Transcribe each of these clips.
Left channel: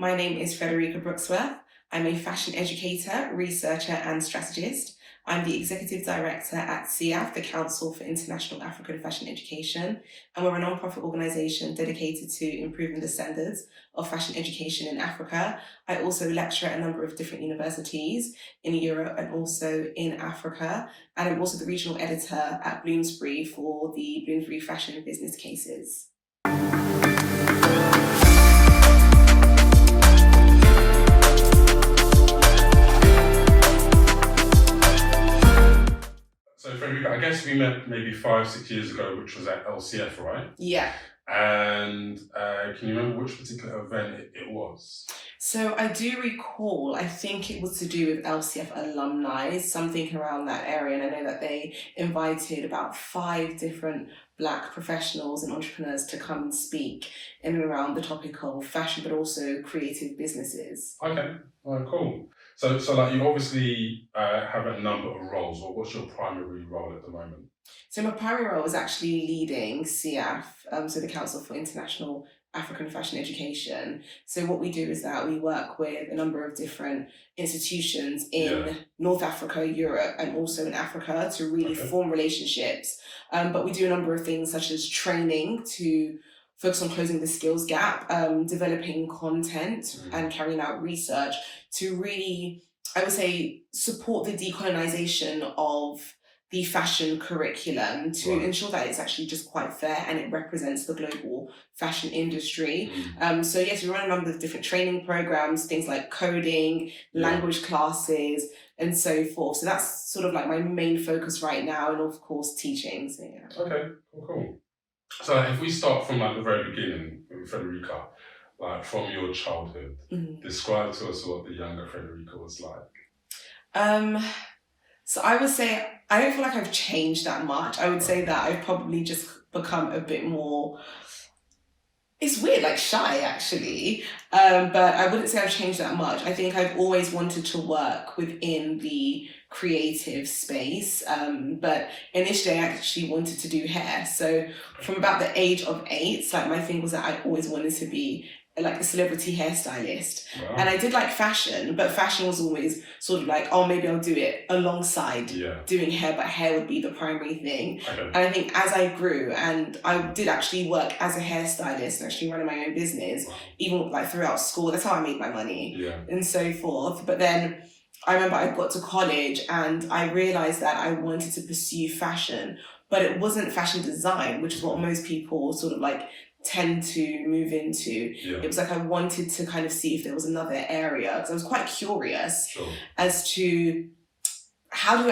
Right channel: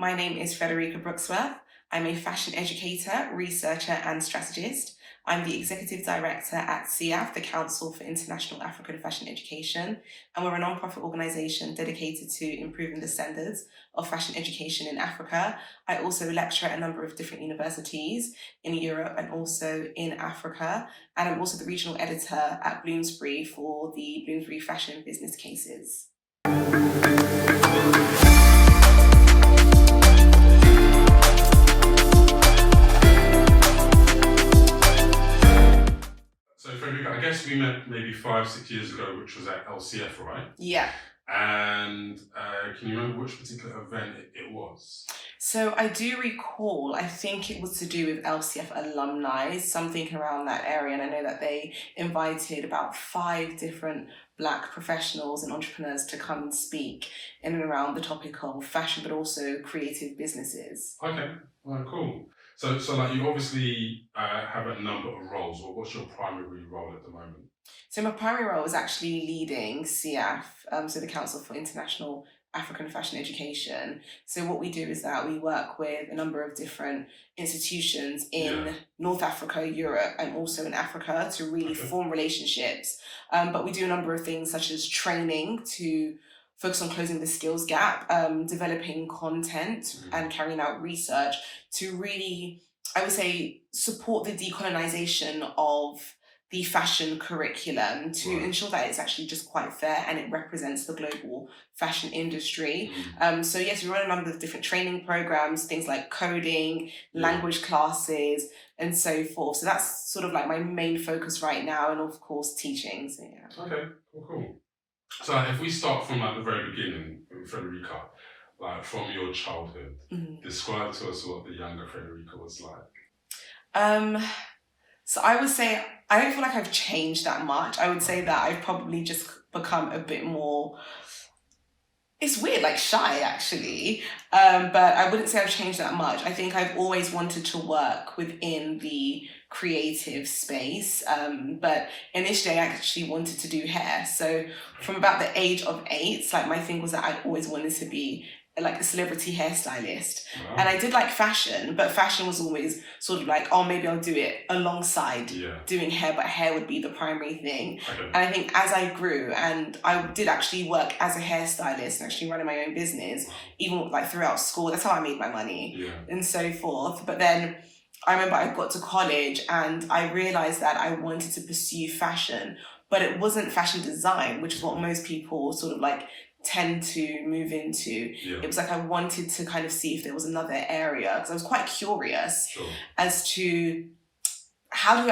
My name is Frederica Brooksworth. I'm a fashion educator, researcher, and strategist. I'm the executive director at CIAF, the Council for International African Fashion Education, and we're a non-profit organization dedicated to improving the standards of fashion education in Africa. I also lecture at a number of different universities in Europe and also in Africa, and I'm also the regional editor at Bloomsbury for the Bloomsbury Fashion Business Cases. So, Frederica, I guess we met maybe 5-6 years ago, which was at LCF, right? Yeah. And can you remember which particular event it was? So I do recall, I think it was to do with LCF alumni, something around that area. And I know that they invited about 5 different Black professionals and entrepreneurs to come and speak in and around the topic of fashion, but also creative businesses. Okay, well, cool. So like you obviously have a number of roles. Or what's your primary role at the moment? So my primary role is actually leading CIAF, so the Council for International African Fashion Education. So what we do is that we work with a number of different institutions in North Africa, Europe, and also in Africa to really form relationships. But we do a number of things such as training to focus on closing the skills gap, developing content and carrying out research to really, I would say, support the decolonization of the fashion curriculum to ensure that it's actually just quite fair and it represents the global fashion industry. So yes, we run a number of different training programs, things like coding, language classes, and so forth. So that's sort of like my main focus right now, and of course teaching. So yeah. Okay, cool. So if we start from like the very beginning, Frederica, like from your childhood, describe to us what the younger Frederica was like. So I would say, I don't feel like I've changed that much. I would say that I've probably just become a bit more, it's weird, like shy actually. But I wouldn't say I've changed that much. I think I've always wanted to work within the creative space. But initially I actually wanted to do hair. So from about the age of 8, like my thing was that I always wanted to be like a celebrity hairstylist. And I did like fashion, but fashion was always sort of like, oh, maybe I'll do it alongside doing hair, but hair would be the primary thing. And I think as I grew, and I did actually work as a hairstylist and actually running my own business, even like throughout school, that's how I made my money and so forth. But then I remember I got to college and I realized that I wanted to pursue fashion, but it wasn't fashion design, which is what most people sort of like tend to move into. It was like I wanted to kind of see if there was another area, because I was quite curious as to how does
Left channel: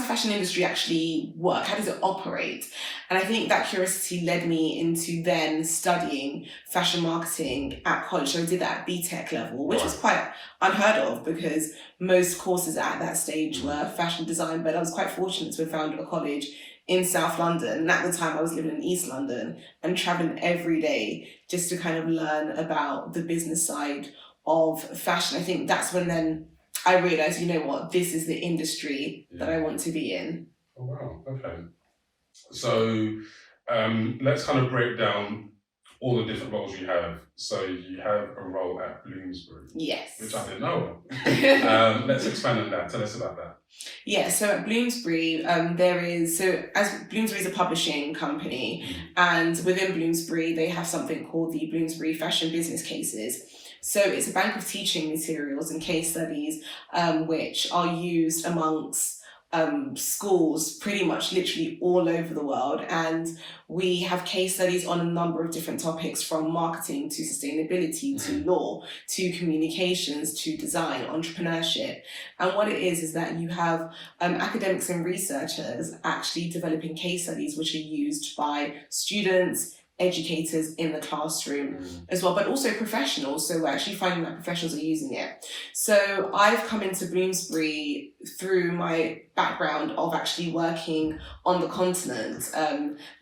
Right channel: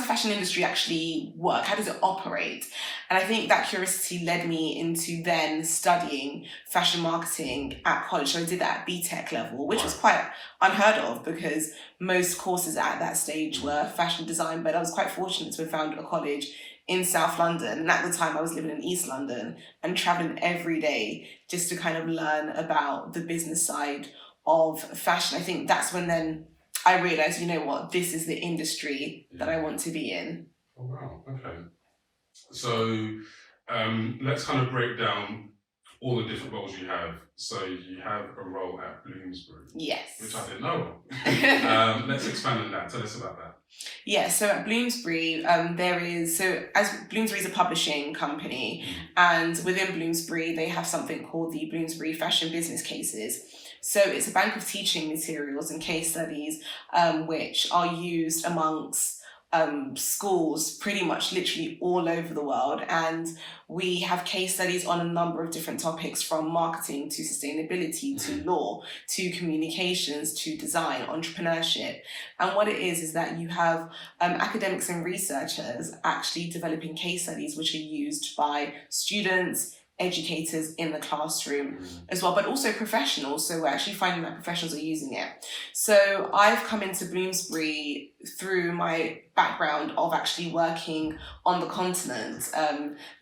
the fashion industry actually work? How does it operate? And I think that curiosity led me into then studying fashion marketing at college. So I did that at BTech level, which was quite unheard of because most courses at that stage were fashion design, but I was quite fortunate to have found a college in South London. And at the time I was living in East London and traveling every day just to kind of learn about the business side of fashion. I think that's when then I realized, you know what, this is the industry that I want to be in. Oh, wow, okay. So let's kind of break down all the different roles you have. So you have a role at Bloomsbury. Yes. Which I didn't know of. Let's expand on that. Tell us about that. Yeah, so at Bloomsbury, as Bloomsbury is a publishing company, and within Bloomsbury, they have something called the Bloomsbury Fashion Business Cases. So it's a bank of teaching materials and case studies, which are used amongst schools pretty much literally all over the world. And we have case studies on a number of different topics, from marketing to sustainability to law to communications to design, entrepreneurship. And what it is that you have academics and researchers actually developing case studies which are used by students, educators in the classroom as well, but also professionals. So we're actually finding that professionals are using it. So I've come into Bloomsbury through my background of actually working on the continent,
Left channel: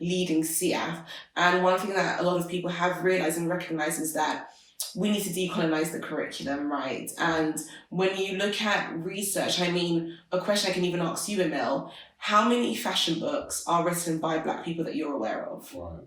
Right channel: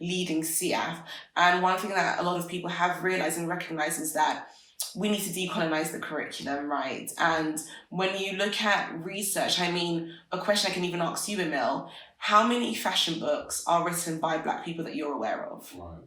leading CIAF. And one thing that a lot of people have realized and recognized is that we need to decolonize the curriculum, right? And when you look at research, I mean, a question I can even ask you, Emil, how many fashion books are written by Black people that you're aware of? Right.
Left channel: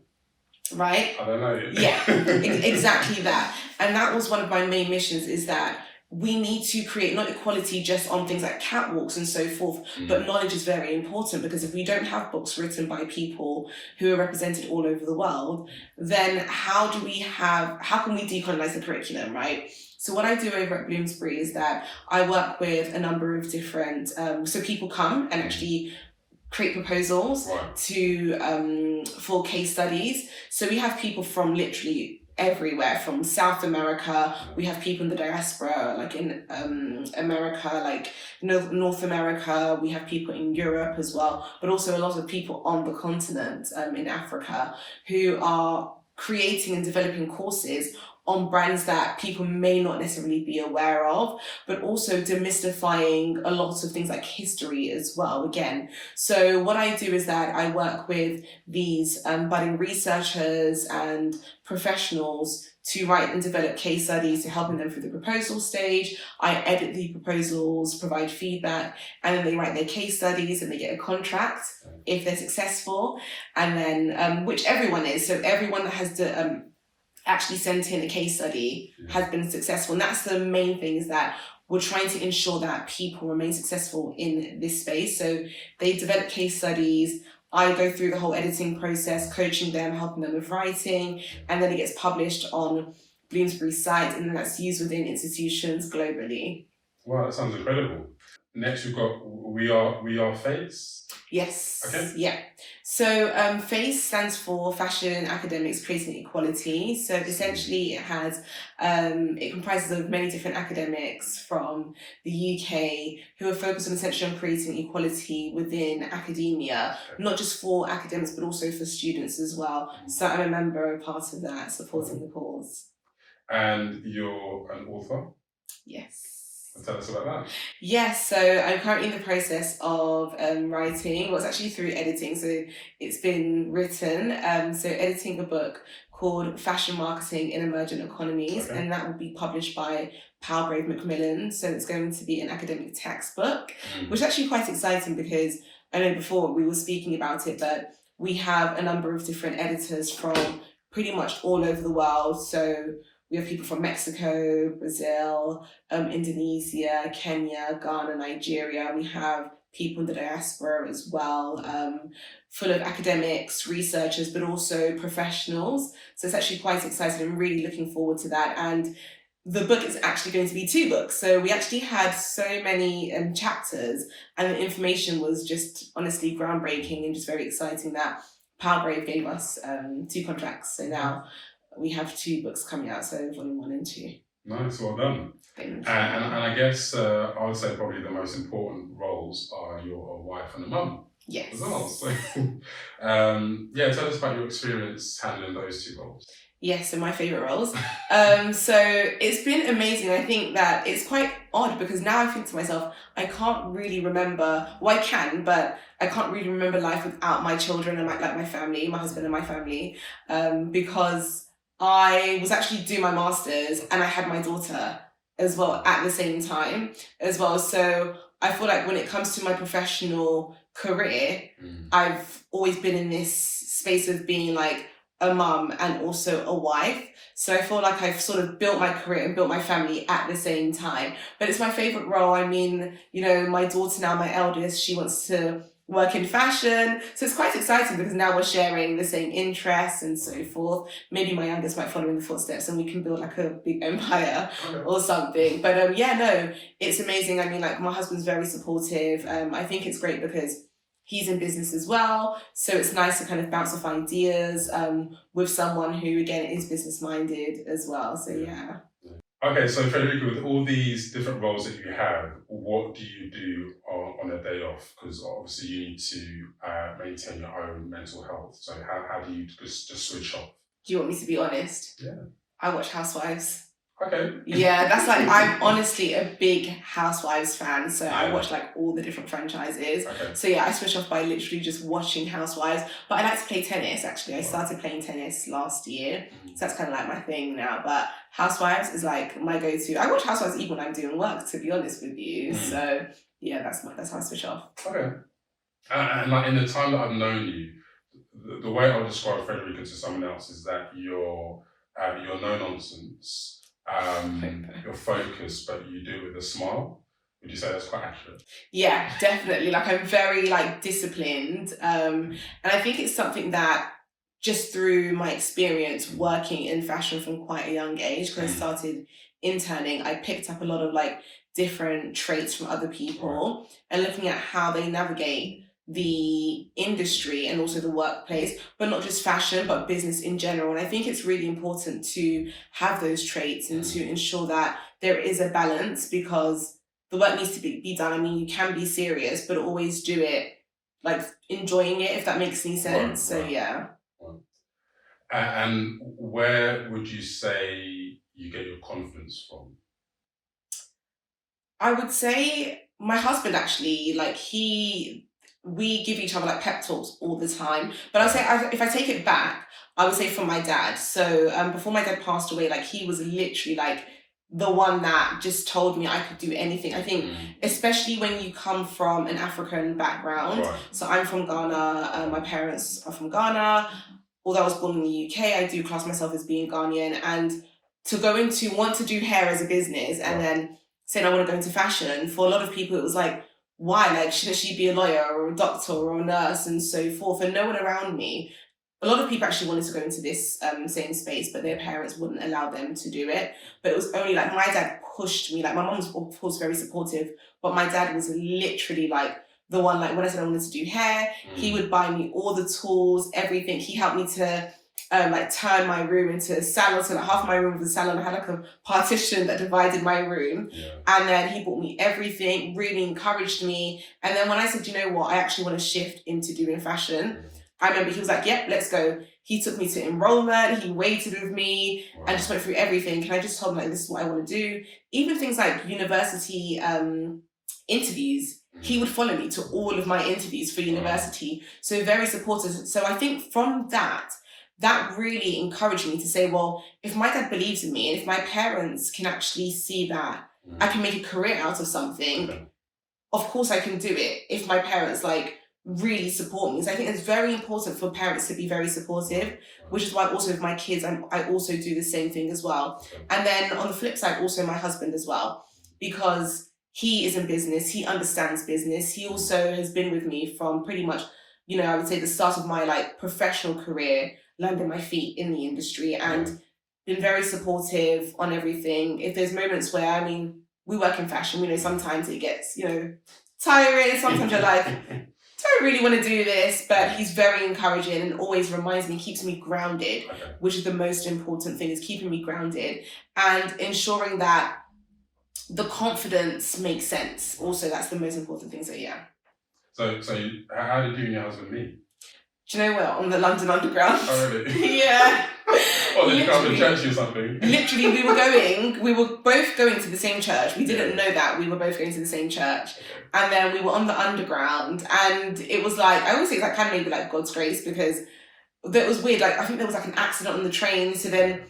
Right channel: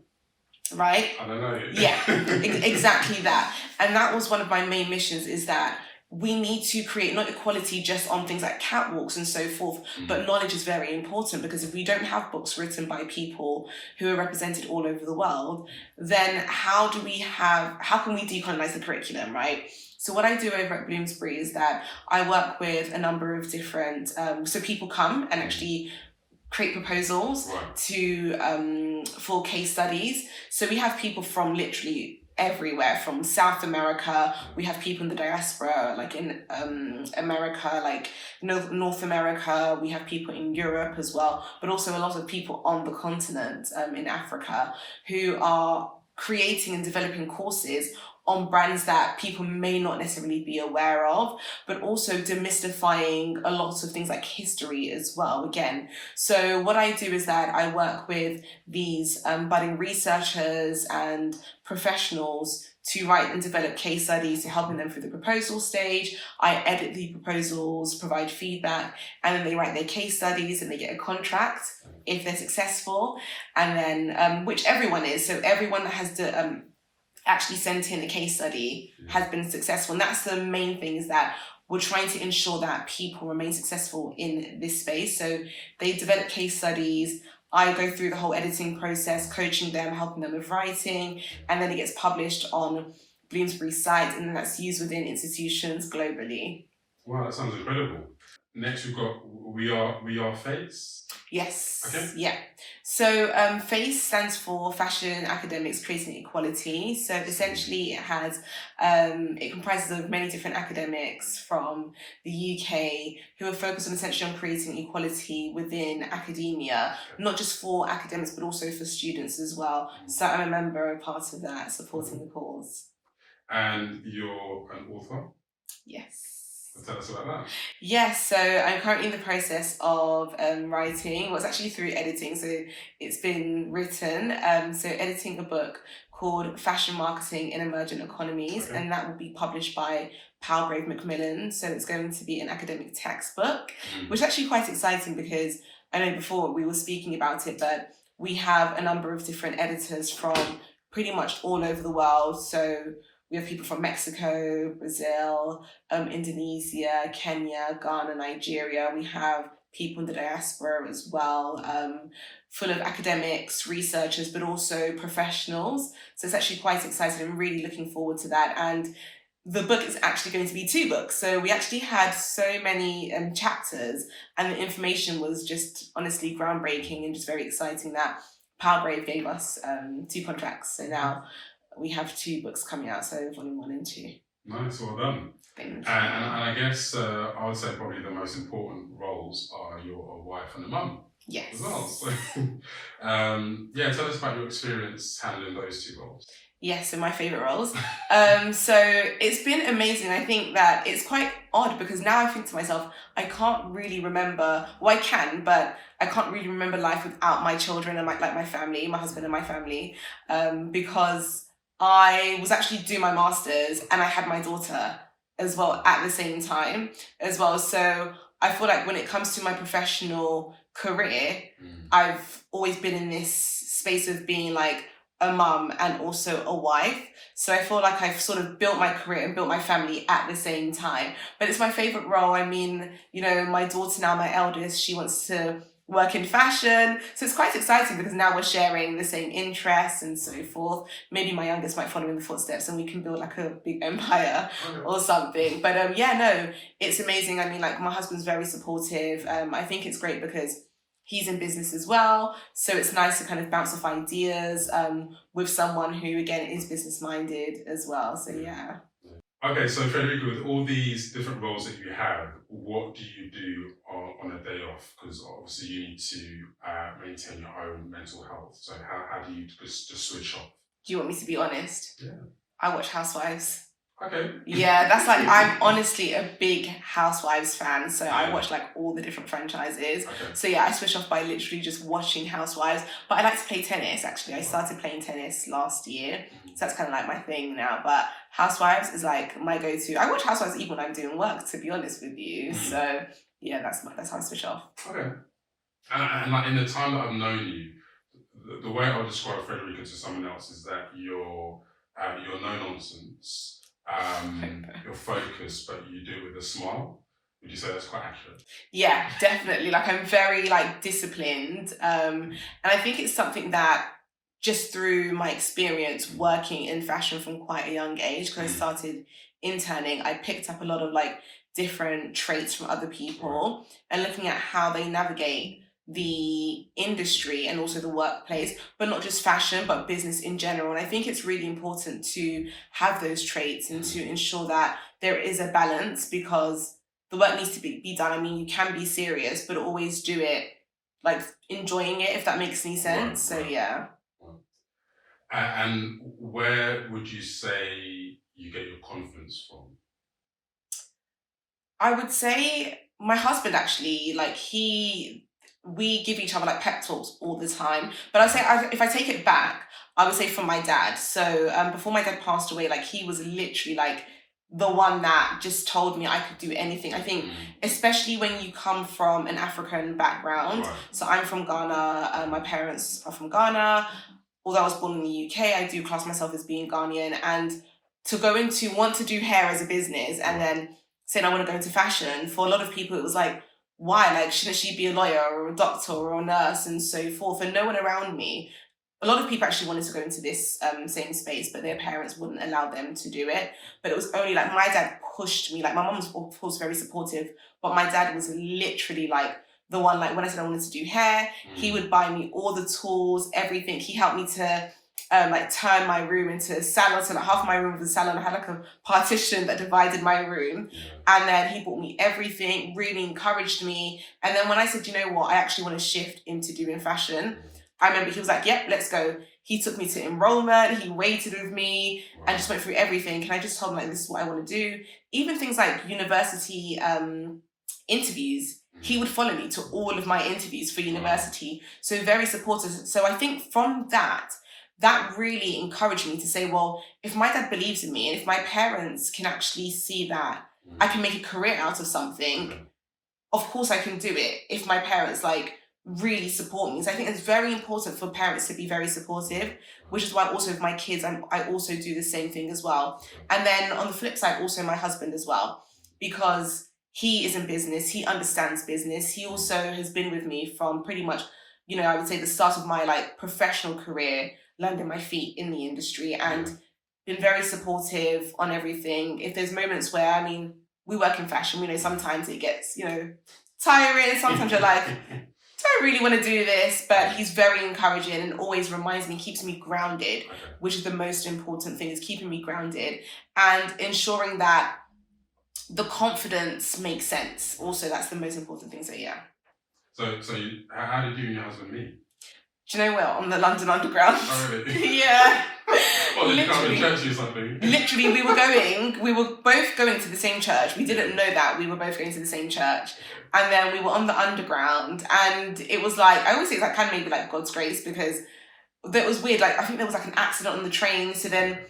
right? I don't know. Yeah, exactly that. And that was one of my main missions, is that we need to create not equality just on things like catwalks and so forth, but knowledge is very important, because if we don't have books written by people who are represented all over the world, then how can we decolonize the curriculum, right? So what I do over at Bloomsbury is that I work with a number of different, so people come and actually create proposals for case studies. So we have people from literally everywhere, from South America. We have people in the diaspora, like in America, like North America. We have people in Europe as well, but also a lot of people on the continent, in Africa, who are creating and developing courses on brands that people may not necessarily be aware of, but also demystifying a lot of things like history as well, again. So what I do is that I work with these budding researchers and professionals to write and develop case studies, to helping them through the proposal stage. I edit the proposals, provide feedback, and then they write their case studies and they get a contract if they're successful. And then, which everyone is, so everyone that has actually sent in a case study has been successful. And that's the main thing, is that we're trying to ensure that people remain successful in this space. So they develop case studies, I go through the whole editing process, coaching them, helping them with writing, and then it gets published on Bloomsbury's site, and then that's used within institutions globally. Wow, that sounds incredible. Next, we've got We Are Face. Yes. Okay. Yeah. So FACE stands for Fashion Academics Creating Equality. So essentially it comprises of many different academics from the UK who are focused on essentially on creating equality within academia, not just for academics, but also for students as well. So I'm a member, a part of that, supporting the cause. And you're an author? Yes. Tell us about that. Yes, so I'm currently in the process of writing. Well, it's actually through editing, so it's been written. So editing a book called Fashion Marketing in Emerging Economies, and that will be published by Palgrave Macmillan. So it's going to be an academic textbook, which is actually quite exciting, because I know before we were speaking about it, but we have a number of different editors from pretty much all over the world. So we have people from Mexico, Brazil, Indonesia, Kenya, Ghana, Nigeria. We have people in the diaspora as well, full of academics, researchers, but also professionals. So it's actually quite exciting. I'm really looking forward to that. And the book is actually going to be 2 books. So we actually had so many chapters, and the information was just honestly groundbreaking and just very exciting that Palgrave gave us 2 contracts. So now we have 2 books coming out, so volume 1 and 2. Nice, well done. Thank you. And I guess I would say probably the most important roles are you're a wife and a mum. Yes. As well. So, tell us about your experience handling those 2 roles. Yes, so my favourite roles. So it's been amazing. I think that it's quite odd, because now I think to myself, I can't really remember, well I can, but I can't really remember life without my children and my family, my husband and my family, because I was actually doing my master's and I had my daughter as well at the same time as well. So I feel like when it comes to my professional career, I've always been in this space of being like a mum and also a wife. So I feel like I've sort of built my career and built my family at the same time. But it's my favourite role. I mean, my daughter now, my eldest, she wants to work in fashion. So it's quite exciting, because now we're sharing the same interests and so forth. Maybe my youngest might follow in the footsteps and we can build like a big empire or something. But it's amazing. I mean, like, my husband's very supportive. I think it's great because he's in business as well. So it's nice to kind of bounce off ideas with someone who, again, is business minded as well. So yeah. Okay, so Frederica, with all these different roles that you have, what do you do on a day off? Because obviously you need to maintain your own mental health. So how do you just switch off? Do you want me to be honest? Yeah. I watch Housewives. Okay. Yeah, that's like, I'm honestly a big Housewives fan. So I watch like all the different franchises. Okay. So yeah, I switch off by literally just watching Housewives. But I like to play tennis, actually. I started playing tennis last year. So that's kind of like my thing now. But Housewives is like my go-to. I watch Housewives even when I'm doing work, to be honest with you. So yeah, that's how I switch off. Okay. And like in the time that I've known you, the way I would describe Frederica to someone else is that you're no nonsense, you're focused, but you do it with a smile. Would you say that's quite accurate? Yeah, definitely. Like I'm very like disciplined. And I think it's something that just through my experience working in fashion from quite a young age, because I started interning, I picked up a lot of like different traits from other people and looking at how they navigate the industry and also the workplace, but not just fashion, but business in general. And I think it's really important to have those traits and to ensure that there is a balance, because the work needs to be done. I mean, you can be serious, but always do it like enjoying it, if that makes any sense. So yeah. And where would you say you get your confidence from? I would say my husband actually, like we give each other like pep talks all the time. But I'd say if I take it back, I would say from my dad. So before my dad passed away, like he was literally like the one that just told me I could do anything. I think, especially when you come from an African background. So I'm from Ghana. My parents are from Ghana. Although I was born in the UK, I do class myself as being Ghanaian. And to want to do hair as a business and then saying I want to go into fashion, for a lot of people, it was like, why? Like, shouldn't she be a lawyer or a doctor or a nurse and so forth? And no one around me. A lot of people actually wanted to go into this same space, but their parents wouldn't allow them to do it. But it was only like my dad pushed me. Like my mom was, of course, very supportive, but my dad was literally like the one, like when I said I wanted to do hair, he would buy me all the tools, everything. He helped me to like turn my room into a salon. So like half my room was a salon. I had like a partition that divided my room. And then he bought me everything, really encouraged me. And then when I said, you know what, I actually want to shift into doing fashion, I remember he was like, yep, let's go. He took me to enrollment, he waited with me and just went through everything. And I just told him like, this is what I want to do. Even things like university interviews, he would follow me to all of my interviews for university. So very supportive. So I think from that really encouraged me to say, well, if my dad believes in me and if my parents can actually see that I can make a career out of something, of course I can do it if my parents like really support me. So I think it's very important for parents to be very supportive, which is why also with my kids, I also do the same thing as well. And then on the flip side, also my husband as well, because he is in business, he understands business. He also has been with me from pretty much, you know, I would say the start of my like professional career, landing my feet in the industry and been very supportive on everything. If there's moments where, I mean, we work in fashion, we know sometimes it gets, you know, tiring. Sometimes you're like, do I really want to do this? But he's very encouraging and always reminds me, keeps me grounded, which is the most important thing, is keeping me grounded and ensuring that the confidence makes sense. Also, that's the most important thing. So yeah. So how did you and your husband meet? Do you know what? On the London Underground. Oh really? Yeah. Oh, they come to church or something. Literally, we were both going to the same church. We didn't know that. We were both going to the same church. And then we were on the Underground, and it was like, I always think it's like kind of maybe like God's grace, because it was weird. Like, I think there was like an accident on the train. So then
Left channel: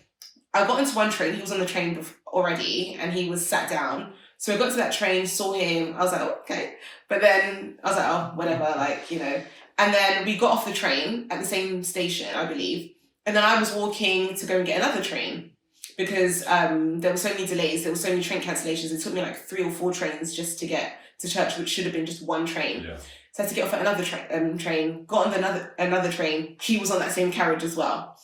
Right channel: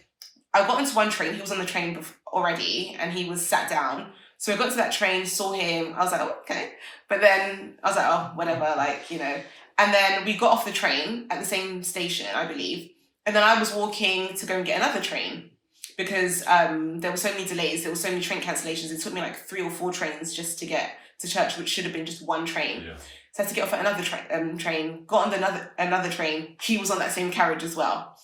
I got into one train, he was on the train already, and he was sat down. So I got to that train, saw him, I was like, oh, okay. But then I was like, oh, whatever, like, you know. And then we got off the train at the same station, I believe. And then I was walking to go and get another train because there were so many delays, there were so many train cancellations. It took me like 3 or 4 trains just to get to church, which should have been just one train. Yeah. So I had to get off at another train, got on another train. He was on that same carriage as well.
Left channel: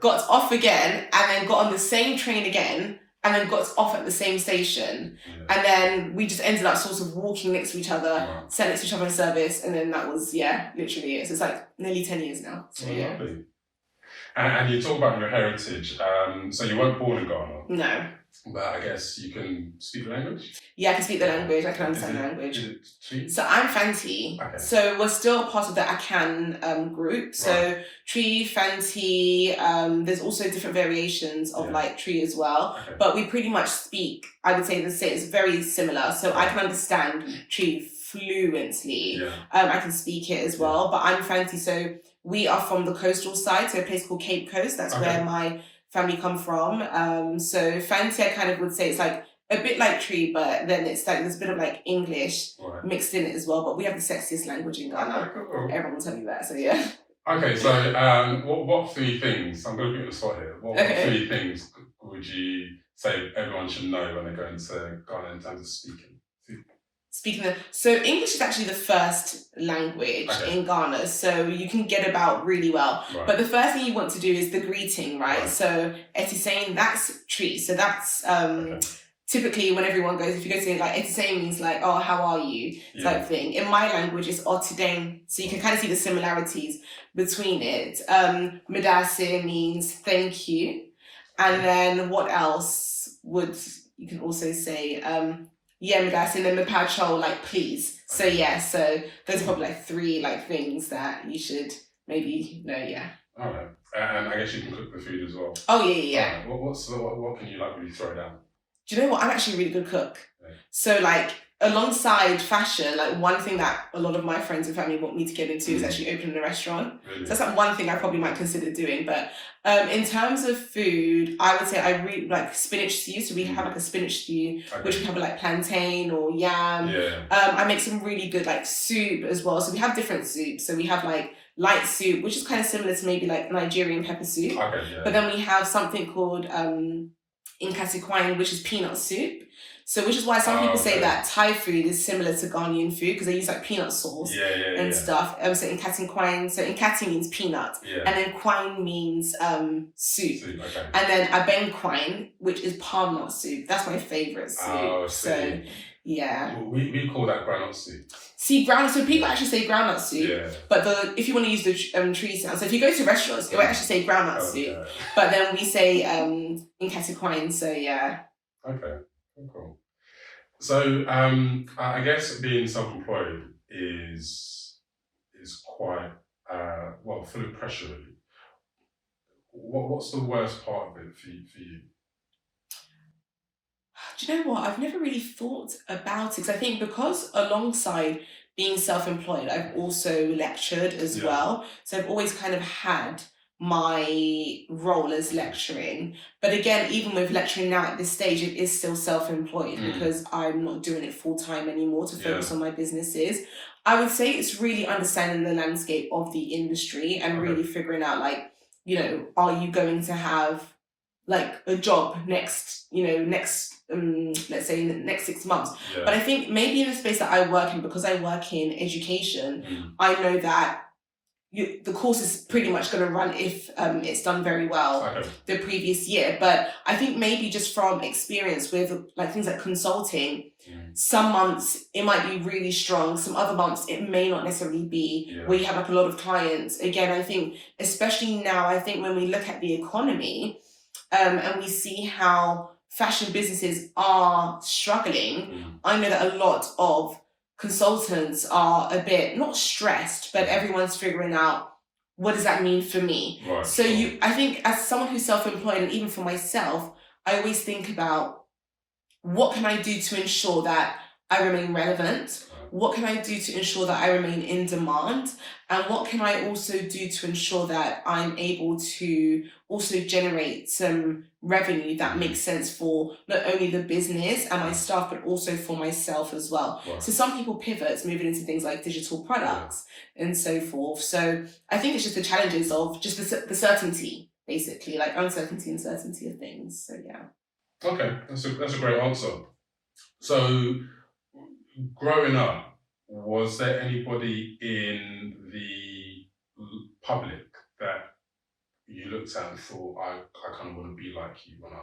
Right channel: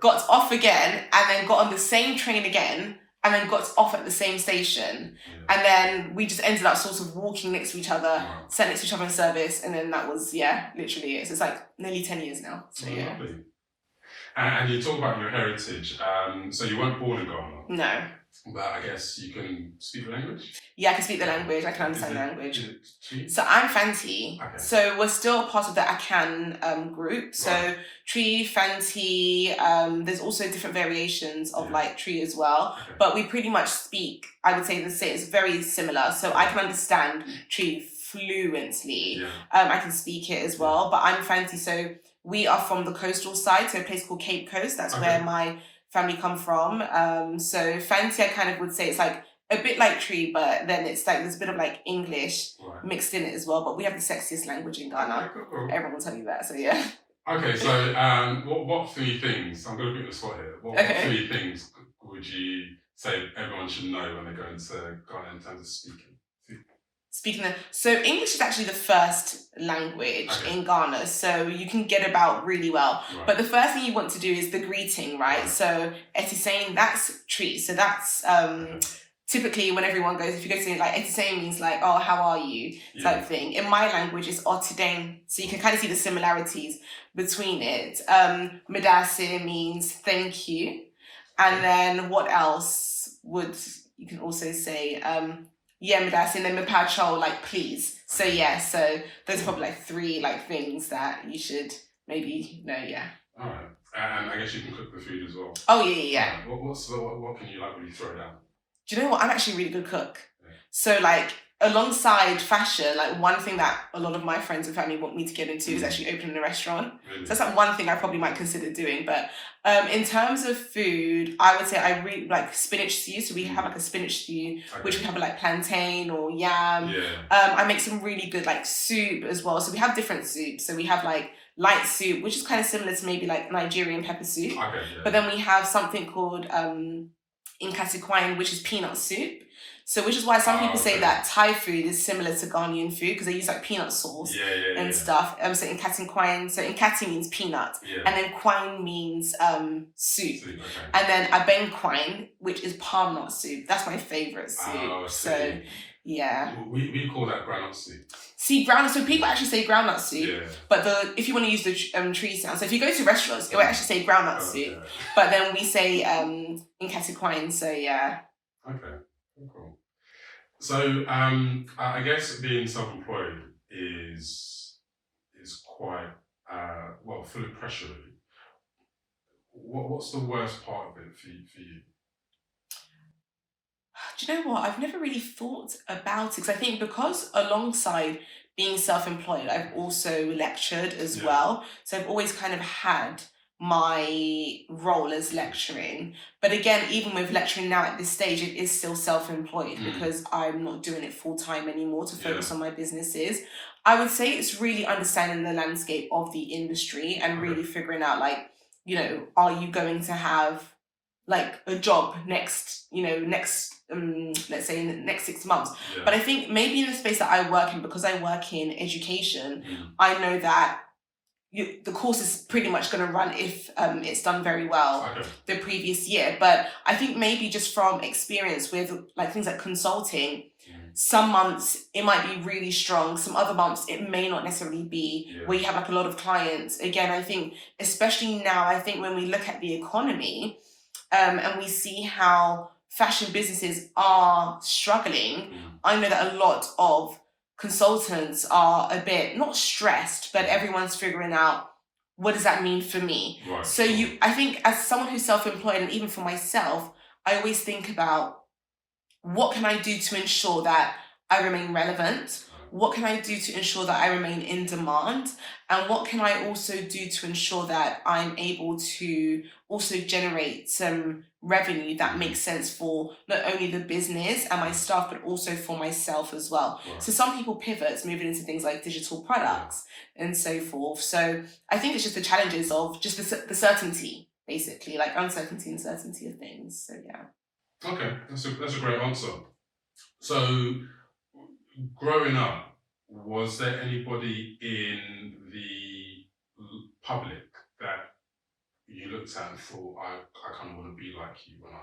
Got off again, and then got on the same train again, and then got off at the same station. Yeah. And then we just ended up sort of walking next to each other, sat next to each other in service, and then that was, literally it. So it's like nearly 10 years now. So yeah. Lovely. And you talk about your heritage. So you weren't born in Ghana? No. But I guess you can speak the language? Yeah, I can speak the language. I can understand the language. Tree? So I'm Fanti. Okay. So we're still part of the Akan group. So Tree, Fanti, there's also different variations of like Tree as well. Okay. But we pretty much speak, I would say it's very similar. So I can understand Tree fluently. Yeah. I can speak it as well. But I'm Fanti, so we are from the coastal side, so a place called Cape Coast. That's where my family come from. So Fanti, I kind of would say it's like a bit like Tree, but then it's like there's a bit of like English mixed in it as well. But we have the sexiest language in Ghana. Everyone will tell you that. So yeah. Okay, so what three things? I'm going to put you on the spot here. What three things would you say everyone should know when they go into Ghana in terms of speaking? So English is actually the first language in Ghana, so you can get about really well. Right. But the first thing you want to do is the greeting, right? So Etisane, that's treat. So that's typically when everyone goes, if you go to like Etisane means like, oh, how are you type thing. In my language, it's Otideng, so you can kind of see the similarities between it. Medase means thank you, and then what else would you can also say? Medase, and then Mepacho, like please. So so those are probably like three like things that you should maybe know. All right, and I guess you can cook the food as well. Oh yeah. Right. What can you like really throw down? Do you know what? I'm actually a really good cook. So like alongside fashion, like one thing that a lot of my friends and family want me to get into is actually opening a restaurant. Really? So that's like one thing I probably might consider doing. But in terms of food, I would say I really like spinach stew. So we have like a spinach stew, which we have like plantain or yam. I make some really good like soup as well. So we have different soups. So we have like light soup, which is kind of similar to maybe like Nigerian pepper soup. But then we have something called Nkasi, which is peanut soup. So which is why some people say that Thai food is similar to Ghanaian food because they use like peanut sauce and stuff. So Nkati means peanut, and then kwine means soup. And then abeng which is palm nut soup. That's my favourite soup. So we call that groundnut soup. See, groundnut. So people actually say groundnut soup, but if you want to use the tree sound, so if you go to restaurants, it will actually say groundnut soup, but then we say Nkasi. So Okay. Cool. So I guess being self-employed is quite full of pressure. What's the worst part of it for you? Do you know what? I've never really thought about it because I think because alongside being self-employed, I've also lectured as well. So I've always kind of had my role as lecturing. But again, even with lecturing now at this stage, it is still self-employed because I'm not doing it full-time anymore to focus on my businesses. I would say it's really understanding the landscape of the industry and really figuring out like, are you going to have like a job next let's say in the next 6 months. But I think maybe in the space that I work in, because I work in education, I know that the course is pretty much going to run if it's done very well the previous year. But I think maybe just from experience with like things like consulting, some months it might be really strong, some other months it may not necessarily be where you have like a lot of clients. Again, I think especially now, I think when we look at the economy and we see how fashion businesses are struggling, I know that a lot of consultants are a bit not stressed, but everyone's figuring out what does that mean for me. So I think as someone who's self-employed, and even for myself, I always think about what can I do to ensure that I remain relevant? What can I do to ensure that I remain in demand? And what can I also do to ensure that I'm able to also generate some revenue that makes sense for not only the business and my staff, but also for myself as well. So some people pivot, moving into things like digital products and so forth. So I think it's just the challenges of just the certainty, basically, like uncertainty and certainty of things. So Okay, that's a great answer. So growing up, was there anybody in the public that you looked at and thought, I kind of want to be like you when I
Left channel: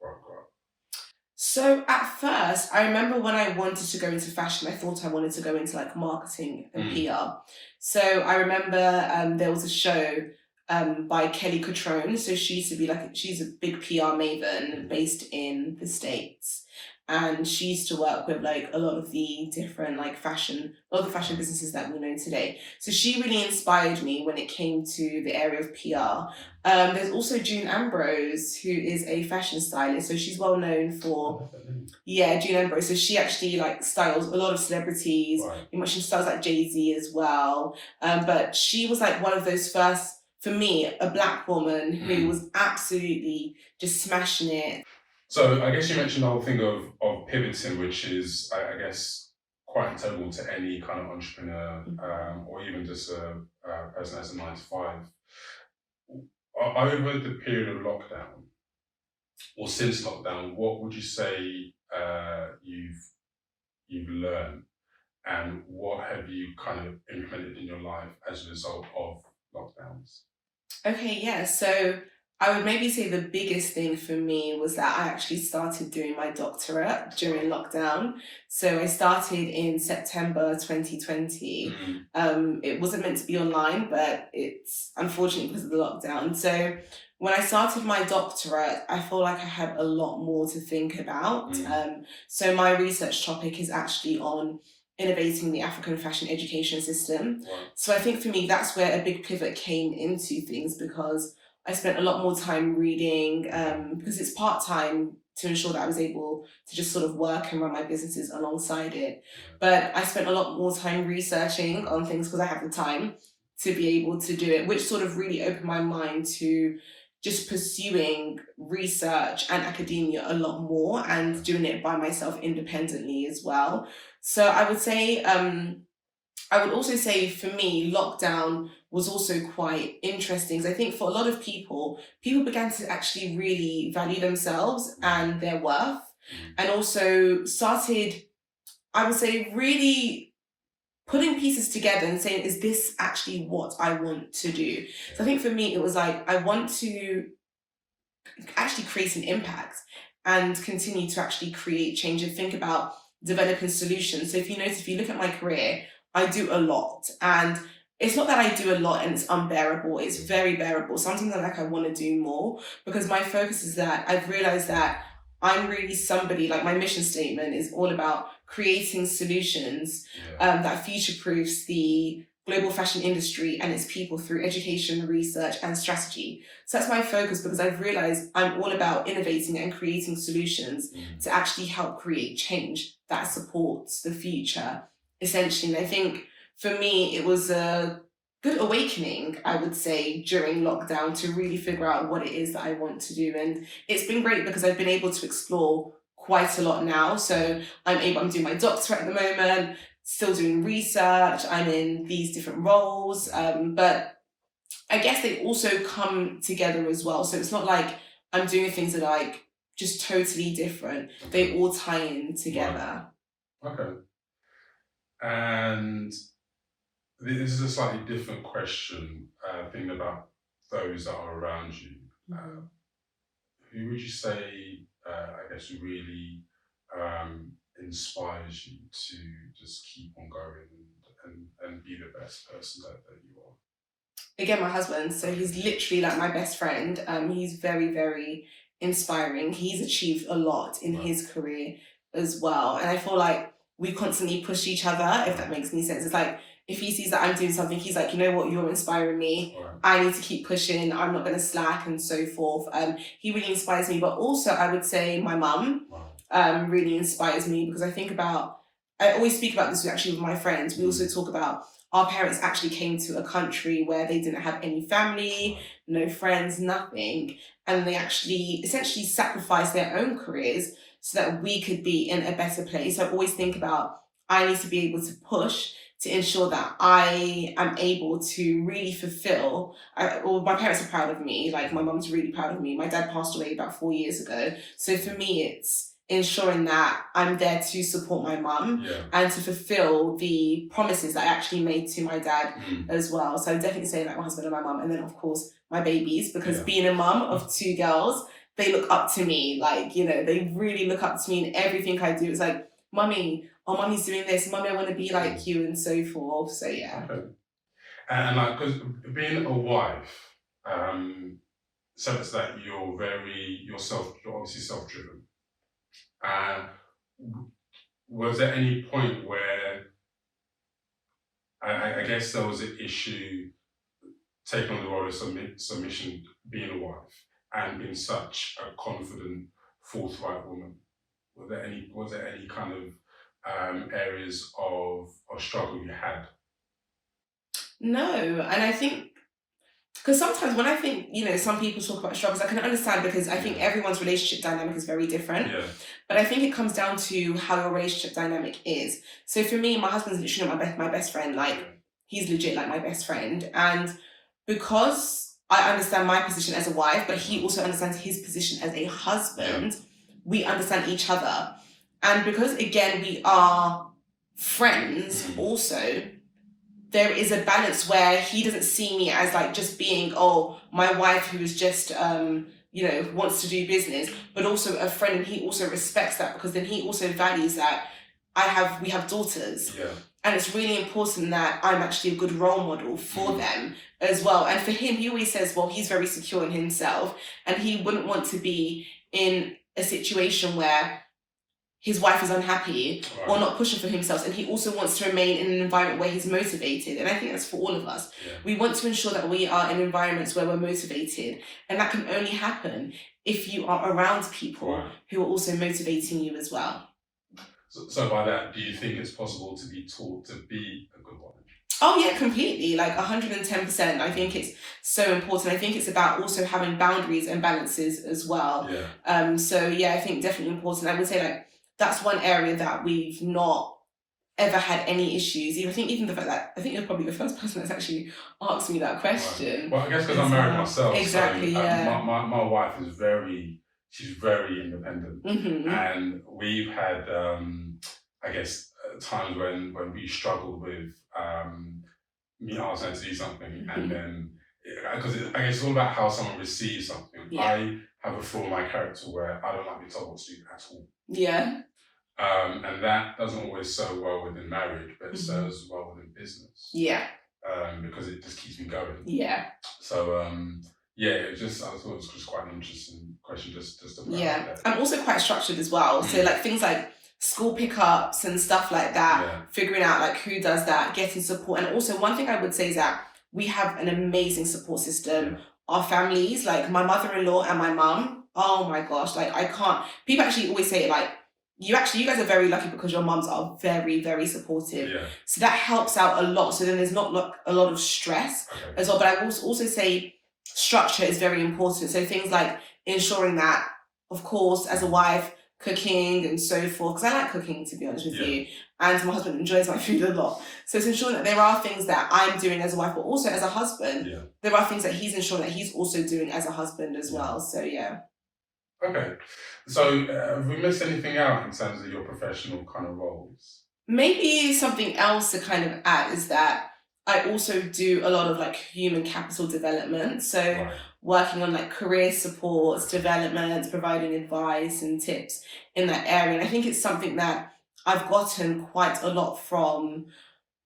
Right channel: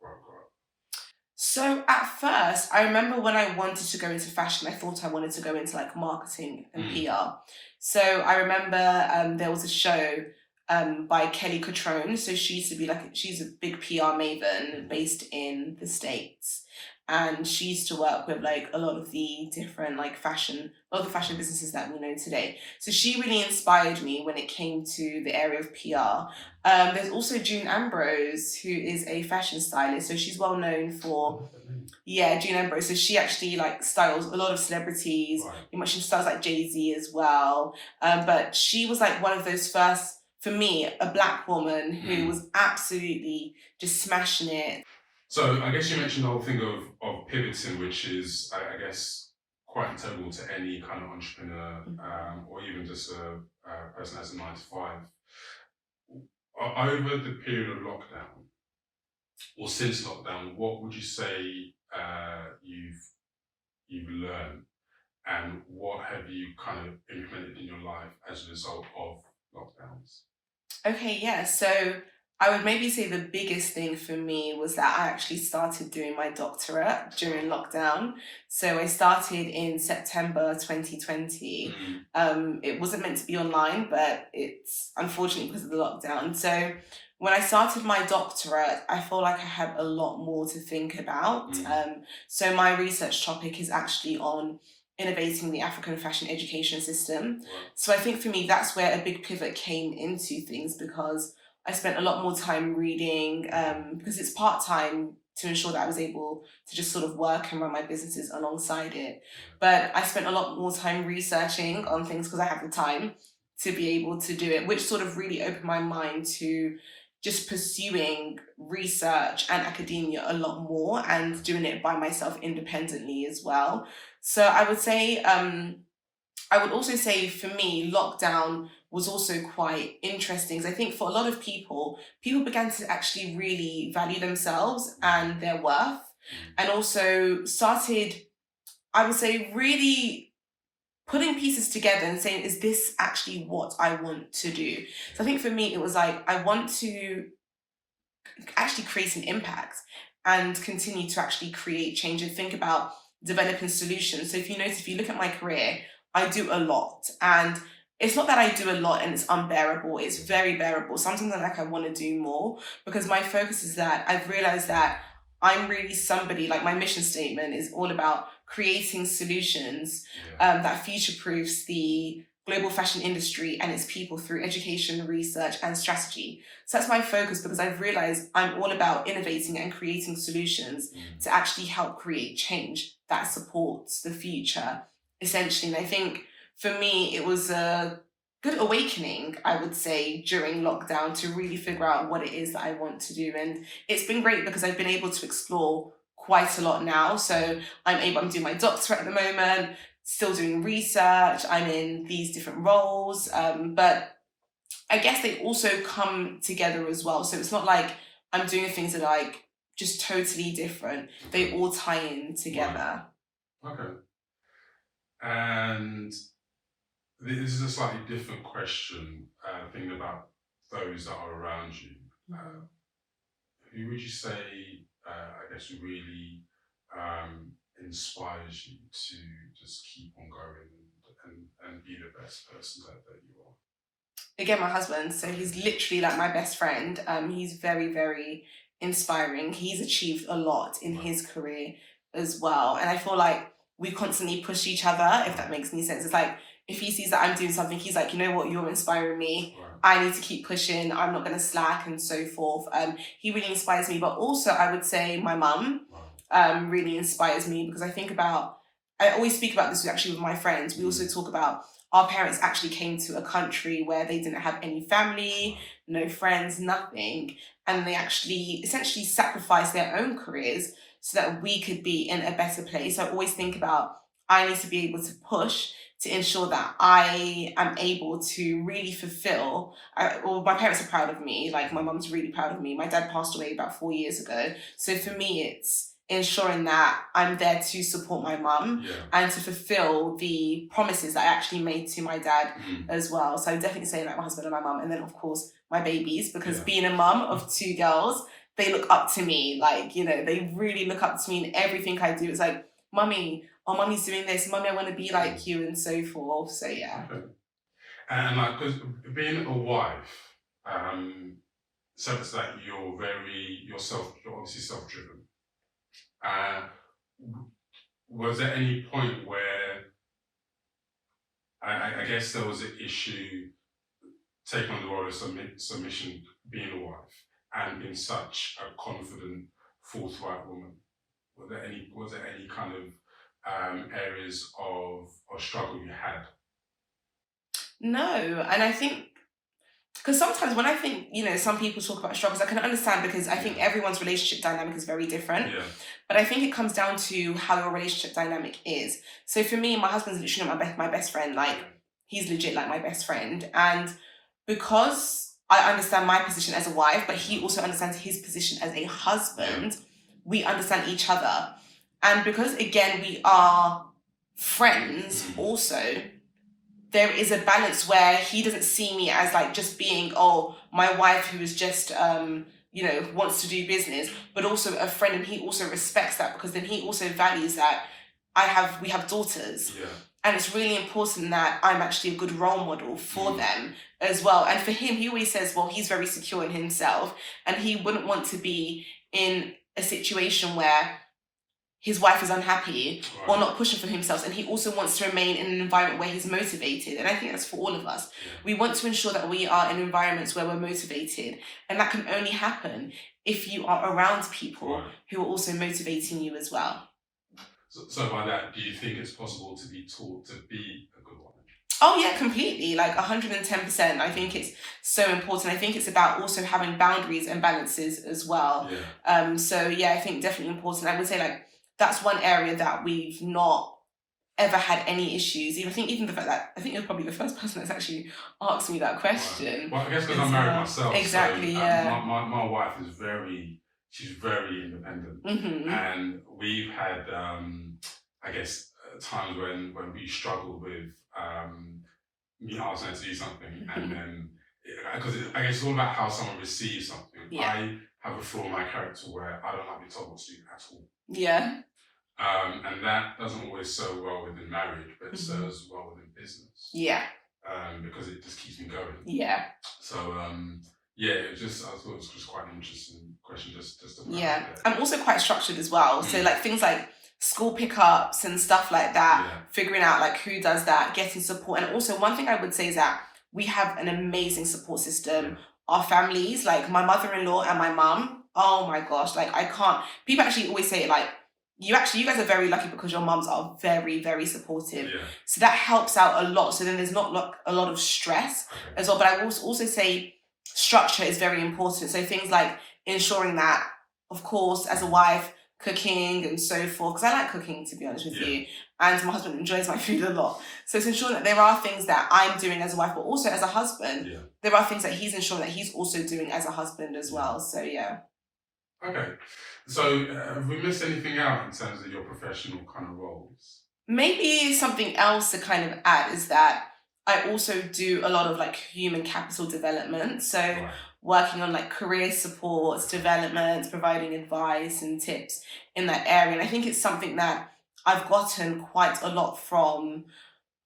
grow up? So at first, I remember when I wanted to go into fashion, I thought I wanted to go into like marketing and PR. So I remember there was a show by Kelly Cutrone. So she used to be she's a big PR maven based in the States. And she used to work with like a lot of the different fashion businesses that we know today. So she really inspired me when it came to the area of PR. There's also June Ambrose, who is a fashion stylist. So she's well known for, June Ambrose. So she actually styles a lot of celebrities. She styles like Jay-Z as well. But she was like one of those first, for me, a black woman who was absolutely just smashing it. So I guess you mentioned the whole thing of pivoting, which is, I guess, quite integral to any kind of entrepreneur, or even just a person that's a 9 to 5. Over the period of lockdown, or since lockdown, what would you say you've learned, and what have you kind of implemented in your life as a result of lockdowns? Okay, yeah. So I would maybe say the biggest thing for me was that I actually started doing my doctorate during lockdown. So I started in September 2020. It wasn't meant to be online, but it's unfortunately because of the lockdown. So when I started my doctorate, I feel like I had a lot more to think about. So my research topic is actually on innovating the African fashion education system. Wow. So I think for me, that's where a big pivot came into things, because I spent a lot more time reading, because it's part-time, to ensure that I was able to just sort of work and run my businesses alongside it. But I spent a lot more time researching on things because I had the time to be able to do it, which sort of really opened my mind to just pursuing research and academia a lot more, and doing it by myself independently as well. So I would say, I would also say for me, lockdown was also quite interesting, because I think for a lot of people began to actually really value themselves and their worth, and also started, I would say, really putting pieces together and saying, is this actually what I want to do? So I think for me, it was like, I want to actually create an impact and continue to actually create change and think about developing solutions. So if you notice, if you look at my career, I do a lot, and it's not that I do a lot and it's unbearable. It's very bearable. Sometimes I'm like, I want to do more, because my focus is that I've realized that I'm really somebody, like my mission statement is all about creating solutions that future-proofs the global fashion industry and its people through education, research, and strategy. So that's my focus, because I've realized I'm all about innovating and creating solutions to actually help create change that supports the future, essentially. And I think for me, it was a good awakening, I would say, during lockdown, to really figure out what it is that I want to do. And it's been great because I've been able to explore quite a lot now. So I'm doing my doctorate at the moment, still doing research, I'm in these different roles, but I guess they also come together as well. So it's not like I'm doing things that are like just totally different. They all tie in together. Okay. And this is a slightly different question, thinking about those that are around you. Who would you say, I guess, really inspires you to just keep on going and be the best person that you are? Again, my husband. So he's literally like my best friend. He's very, very inspiring. He's achieved a lot in his career as well. And I feel like we constantly push each other, if that makes any sense. It's like, if he sees that I'm doing something, he's like, you know what, you're inspiring me. I need to keep pushing. I'm not going to slack, and so forth. He really inspires me. But also, I would say my mum really inspires me, because I always speak about this actually with my friends. We also talk about our parents actually came to a country where they didn't have any family, no friends, nothing. And they actually essentially sacrificed their own careers so that we could be in a better place. I always think about, I need to be able to push to ensure that I am able to really fulfill. My parents are proud of me. Like, my mum's really proud of me. My dad passed away about 4 years ago. So for me, it's ensuring that I'm there to support my mum and to fulfill the promises that I actually made to my dad as well. So I definitely say like my husband and my mum, and then of course my babies, because being a mum of 2 girls, they look up to me. Like, you know, they really look up to me in everything I do. It's like, mummy, oh, mummy's doing this, mummy, I want to be like you, and so forth. So yeah. Okay. And like, because being a wife, says that you're obviously self-driven. Was there any point where I guess there was an issue taking on the role of submission, being a wife, and being such a confident, forthright woman? Was there any kind of areas of struggle you had? No, and I think Because sometimes when I think, some people talk about struggles, I can understand because I think everyone's relationship dynamic is very different. Yeah. But I think it comes down to how your relationship dynamic is. So for me, my husband's literally my best friend. Like, he's legit like my best friend. And because I understand my position as a wife, but he also understands his position as a husband, we understand each other. And because, again, we are friends also, there is a balance where he doesn't see me as like just being, my wife who is just, wants to do business, but also a friend. And he also respects that, because then he also values that we have daughters. Yeah. And it's really important that I'm actually a good role model for them as well. And for him, he always says, well, he's very secure in himself, and he wouldn't want to be in a situation where his wife is unhappy or not pushing for himself. And he also wants to remain in an environment where he's motivated. And I think that's for all of us. Yeah. We want to ensure that we are in environments where we're motivated. And that can only happen if you are around people who are also motivating you as well. So by that, do you think it's possible to be taught to be a good woman? Oh yeah, completely, like 110%. I think it's so important. I think it's about also having boundaries and balances as well. Yeah. So yeah, I think definitely important. I would say like that's one area that we've not ever had any issues. I think even the fact that I think you're probably the first person that's actually asked me that question. Well, I guess because I'm married myself. Exactly. So, yeah. My wife is she's very independent, and we've had times when we struggled with me asking to do something, and then because I guess it's all about how someone receives something. Yeah. I have a flaw in my character where I don't like to be told what to do at all. Yeah. And that doesn't always serve well within marriage, but it serves well within business. Yeah. Because it just keeps me going. Yeah. So I thought it was just quite an interesting question just about that. I'm also quite structured as well. So like things like school pickups and stuff like that, figuring out like who does that, getting support. And also one thing I would say is that we have an amazing support system. Yeah. Our families, like my mother-in-law and my mum, oh my gosh, like people actually always say like, you guys are very lucky because your mums are very, very supportive. Yeah. So that helps out a lot. So then there's not a lot of stress as well. But I will also say structure is very important. So things like ensuring that, of course, as a wife, cooking and so forth, because I like cooking, to be honest with you, and my husband enjoys my food a lot. So it's ensuring that there are things that I'm doing as a wife, but also as a husband, there are things that he's ensuring that he's also doing as a husband as well. So yeah. Okay. So have we missed anything out in terms of your professional kind of roles? Maybe something else to kind of add is that I also do a lot of like human capital development. So working on like career supports, development, providing advice and tips in that area. And I think it's something that I've gotten quite a lot from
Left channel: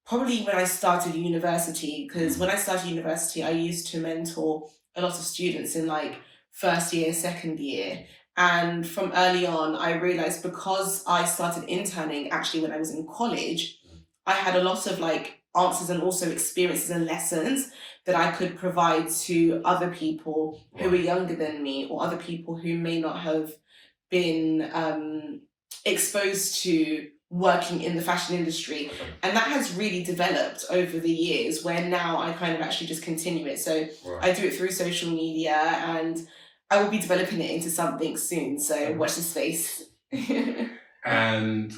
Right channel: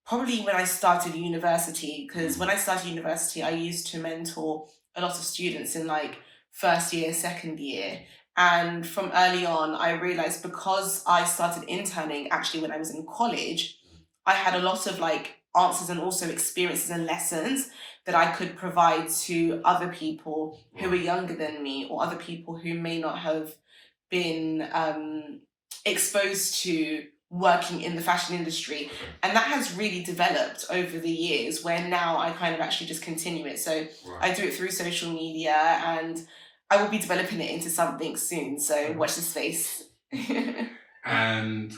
probably when I started university, because when I started university, I used to mentor a lot of students in like first year, second year. And from early on, I realized because I started interning actually when I was in college, I had a lot of like answers and also experiences and lessons that I could provide to other people who were younger than me, or other people who may not have been exposed to working in the fashion industry. And that has really developed over the years, where now I kind of actually just continue it. So I do it through social media, and I will be developing it into something soon. So watch this space. And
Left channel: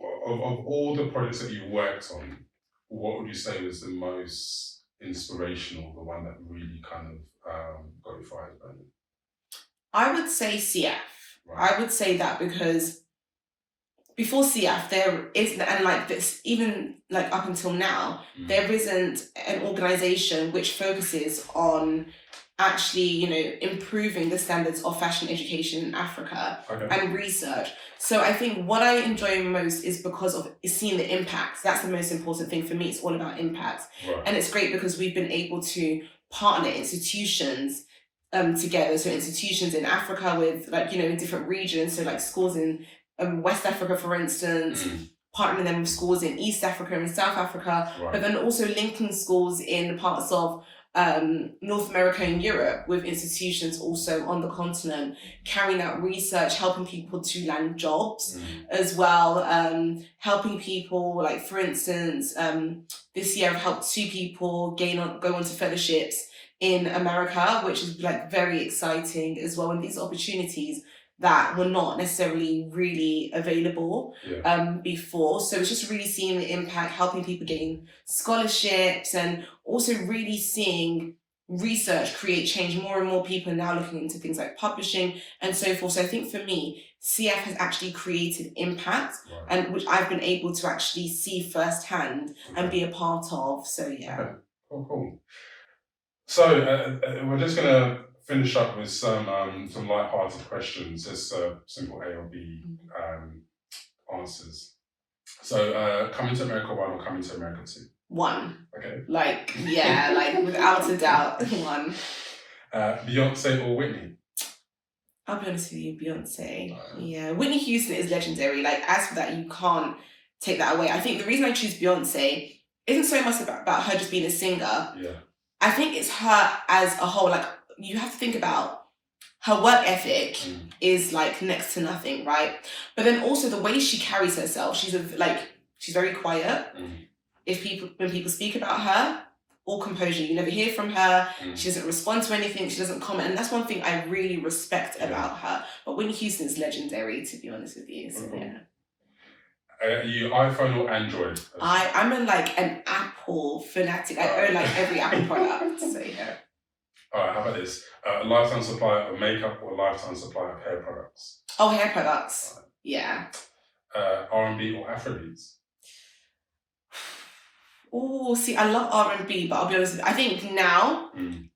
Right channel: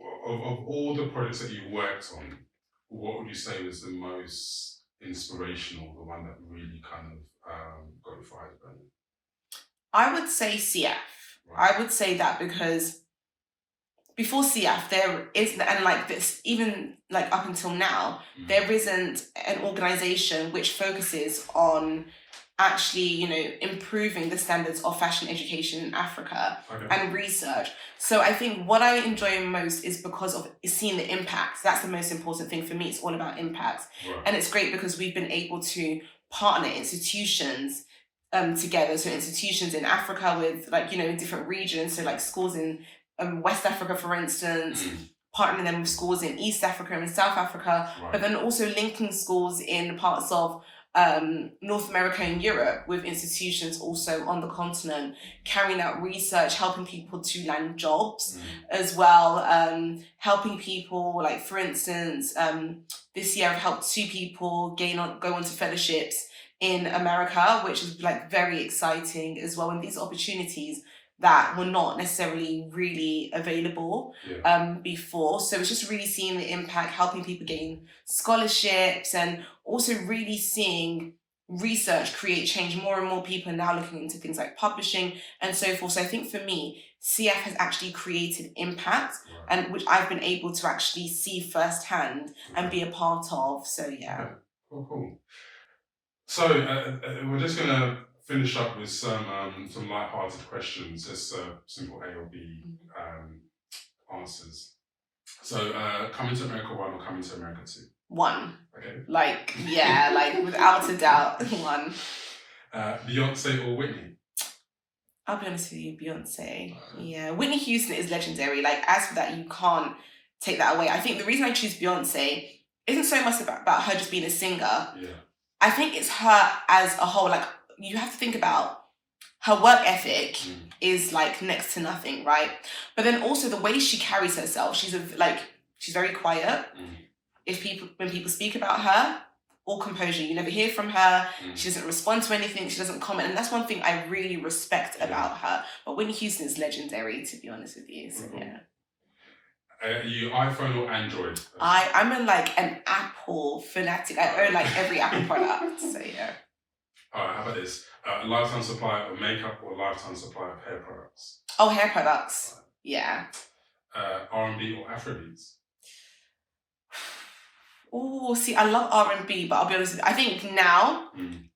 of all the projects that you worked on, what would you say was the most inspirational, the one that really kind of got you fired? I would say CF. Right. I would say that because before CF, there isn't, and like this, even like up until now, there isn't an organization which focuses on actually, improving the standards of fashion education in Africa and research. So I think what I enjoy most is because of seeing the impact. That's the most important thing for me. It's all about impact. Right. And it's great because we've been able to partner institutions together. So institutions in Africa with like, in different regions. So like schools in West Africa, for instance, partnering them with schools in East Africa and South Africa, but then also linking schools in parts of North America and Europe with institutions also on the continent, carrying out research, helping people to land jobs as well, helping people, like for instance, this year I've helped 2 people go on to fellowships in America, which is like very exciting as well. And these opportunities that were not necessarily really available before. So it's just really seeing the impact, helping people gain scholarships, and also really seeing research create change. More and more people are now looking into things like publishing and so forth. So I think for me, CF has actually created impact, and which I've been able to actually see firsthand and be a part of. So yeah. Okay. Cool. So we're just going to finish up with some light-hearted questions, just simple A or B answers. So coming to America 1 or coming to America 2? 1. Okay. Like, yeah, like without a doubt, 1. Beyonce or Whitney? I'll be honest with you, Beyonce. Yeah, Whitney Houston is legendary. Like, as for that, you can't take that away. I think the reason I choose Beyonce isn't so much about her just being a singer. Yeah. I think it's her as a whole. Like, you have to think about her work ethic is like next to nothing, right? But then also the way she carries herself. She's very quiet. When people speak about her, all composure. You never hear from her. She doesn't respond to anything. She doesn't comment. And that's one thing I really respect about her. But Whitney Houston is legendary, to be honest with you. So yeah. Are you iPhone or Android? I'm an Apple fanatic. I own like every Apple product. So yeah. Alright, how about this? Lifetime supply of makeup or lifetime supply of hair products? Oh, hair products. Yeah. R&B or Afrobeats? Oh, see, I love R&B, but I'll be honest with you, I think now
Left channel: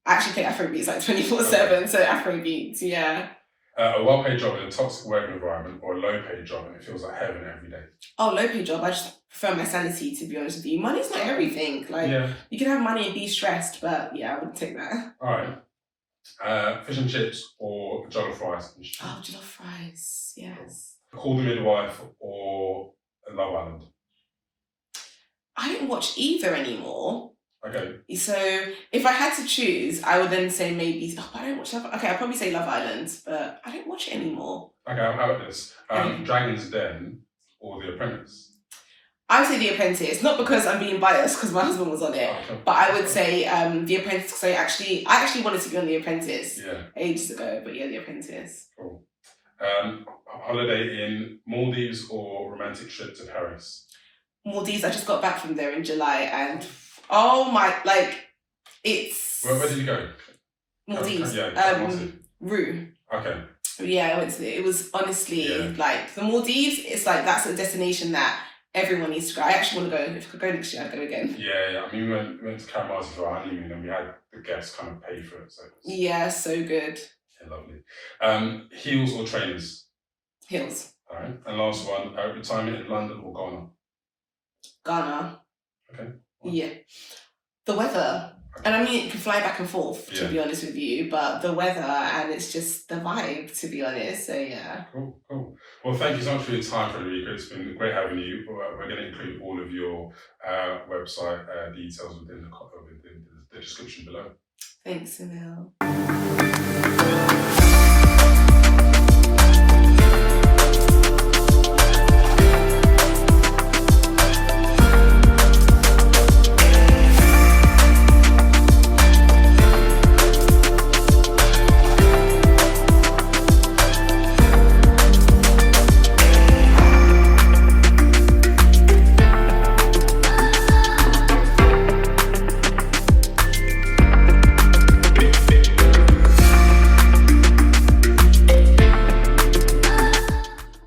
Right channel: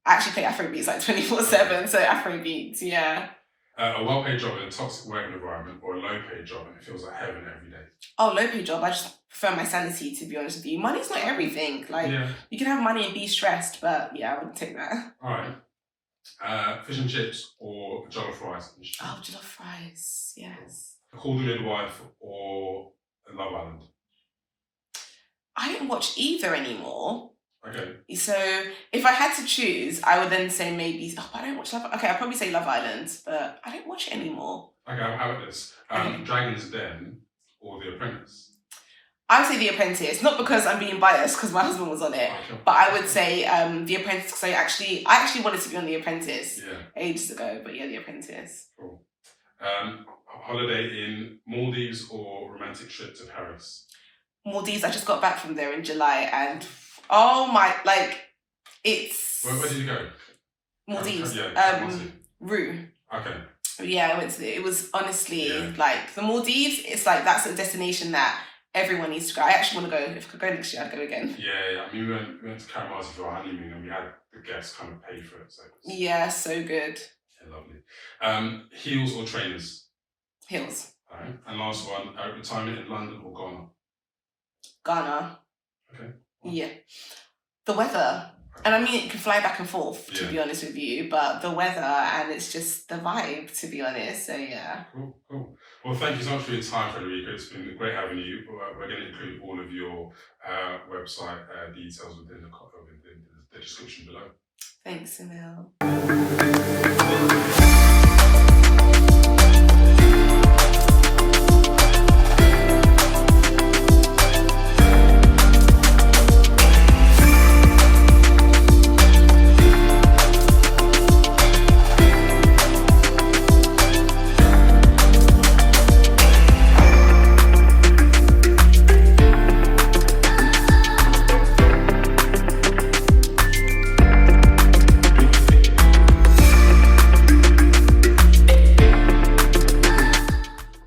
I actually play Afrobeats like 24/7, so Afrobeats, yeah. A well-paid job in a toxic working environment or a low-paid job and it feels like heaven every day? Oh, low-paid job. I just prefer my sanity, to be honest with you. Money's not everything. Like, you can have money and be stressed, but yeah, I wouldn't take that. All right. Fish and chips or jollof rice? Oh, jollof fries, yes. Call the Midwife or Love Island? I don't watch either anymore. Okay. So if I had to choose, I would then say maybe, I don't watch Love. Okay, I'd probably say Love Island, but I don't watch it anymore. Okay, how about this? Dragon's Den or The Apprentice? I would say The Apprentice, not because I'm being biased because my husband was on it, but I would say The Apprentice because I actually wanted to be on The Apprentice ages ago, but yeah, The Apprentice. Cool. Holiday in Maldives or romantic trip to Paris? Maldives. I just got back from there in July, and oh my, like it's. Where did you go? Maldives. Rue. Okay. Yeah, I went to it. It was honestly like the Maldives. It's like that's a destination that everyone needs to go. I actually want to go. If I could go next year, I'd go again. Yeah. I mean, we went to Camaras for our honeymoon, and we had the guests kind of pay for it. So yeah, so good. Yeah, lovely. Heels or trainers? Heels. All right. And last one, retirement in London or Ghana? Ghana. Okay. Yeah. The weather. And I mean, it can fly back and forth, to be honest with you, but the weather and it's just the vibe, to be honest. So, yeah. Cool. Well, thank you so much for your time, Frederica. It's been great having you. We're going to include all of your website details within the description below. Thanks, Emil.